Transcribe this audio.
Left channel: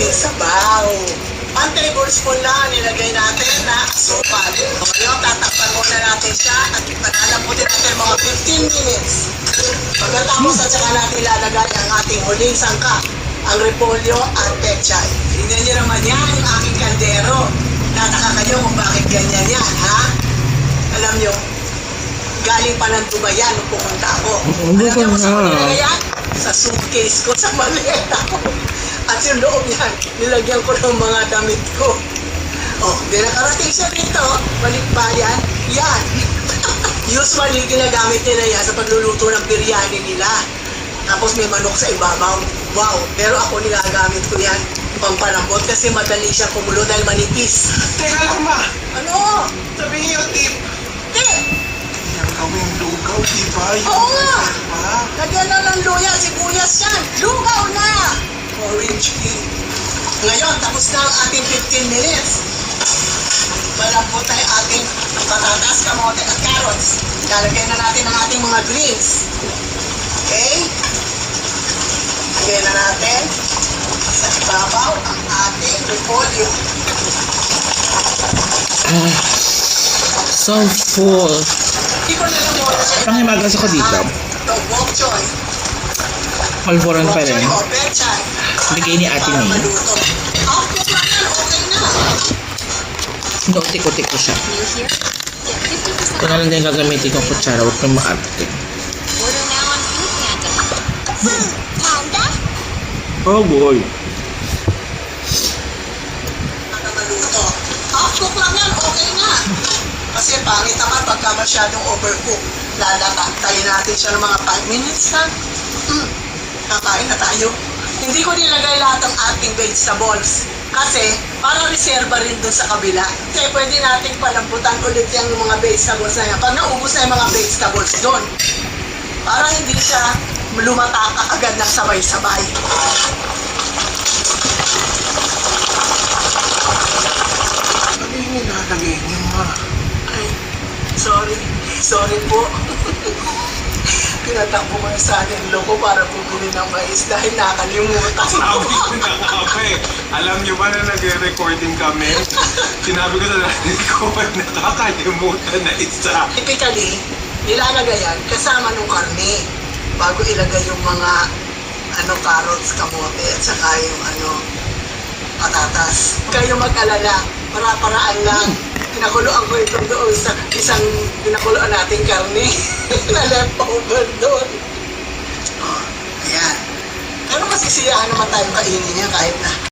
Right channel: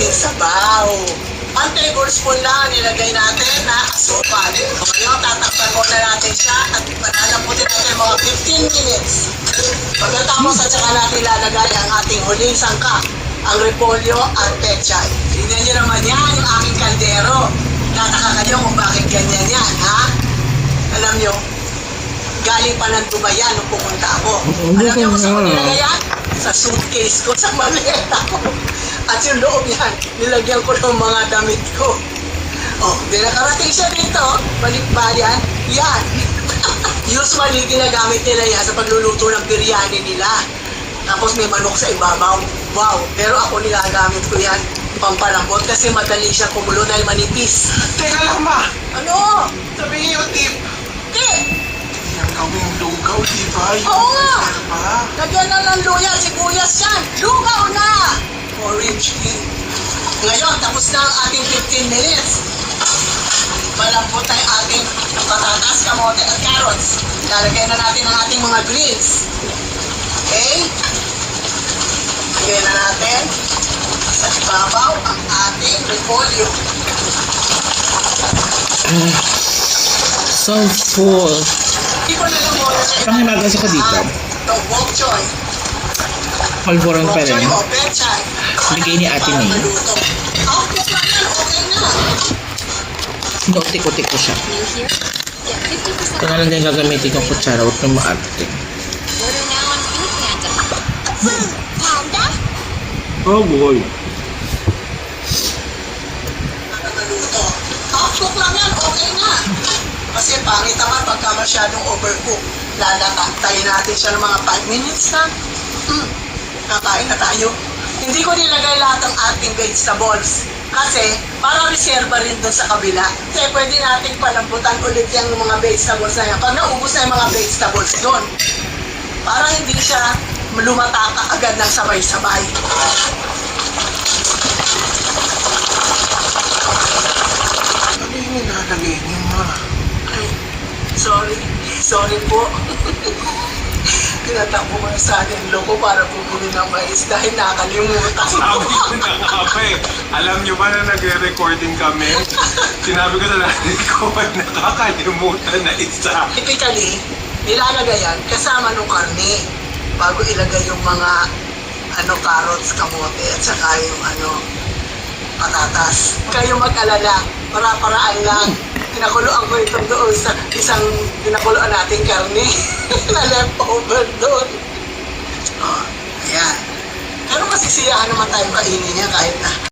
ating sabaw. 1 tablespoon na nilagay natin na asukal. Ngayon, tatakpan muna natin siya at panalamputin natin mga 15 minutes. Pagkatapos at saka natin lalagay ang ating huling sangka, ang repolyo at pechay. Tingnan niyo naman yan, yung aking kaldero. Tataka kayo kung bakit ganyan yan, ha? Alam niyo, galing pa ng Dubai yan nung pumunta ako. Alam niyo kung saan ko nilagay yan? Sa suitcase ko, sa maleta ko. At yung loob yan, nilagyan ko ng mga damit ko. Oh, di nakarating siya dito, balikbayan, yan. Usually, ginagamit nila yan sa pagluluto ng biryani nila. Tapos may manok sa ibabaw. Wow, pero ako nilagamit ko yan pampalambot kasi madali siya kumulo dahil manipis. Teka lang ma! Ano? Sabihin yung tip! Di! Yung gawing lugaw, diba? Oo nga! Diba? Lagyan na ng luya, sibuyas yan. Lugaw na! Orange tea. Ngayon, tapos na ang ating 15 minutes. Malambot na yung ating patatas, kamote at carrots. Lalagay na natin ang ating mga greens. Okay? Lagyan na natin sa ibabaw ang ating repolyo. So full. Hindi ko na lang muna sa Ang himagas ako dito. Ito, bok choy. Malboron pa Bok choy rin. o pechay. Bigay ni ate Para niya. maluto. Oh, cook lang yan. Okay na. Sinutik-utik ko siya. Ito na lang din gagamitin kong kutsara. Huwag kang maarte. Order now on Food Panda. Oh boy. Para maluto. Oh, cook lang yan. Okay na. Kasi pangit naman pagka masyadong overcook. Tayo natin siya ng mga 5 minutes na. Kakain na tayo. Hindi ko nilagay lahat ng ating vegetables. Kasi, para reserva rin doon sa kabila. Kaya pwede nating palambutan ulit yung mga vegetables na yan. Pag naubos na yung mga vegetables doon. Para hindi siya lumataka agad ng sabay-sabay. Ano yung nalagay niyo ma? Ay, sorry. Sorry po. Tinatakbo ko yung son-in-law ko para bumili ng mais dahil nakalimutan Sabi ko. ko na nga pa eh. Alam niyo ba na nagre-recording kami? Sinabi ko sa nanay ko, nakakalimutan na isa. Typically, nilalagay yan kasama ng karne bago ilagay yung mga carrots, kamote at saka yung patatas. Huwag kayong mag-alala, para-paraan lang. Pinakuloan ko ito doon sa isang pinakuloan natin karne na leftover doon. Oh, ayan. Pero masisiyahan naman tayo kainin niya kahit na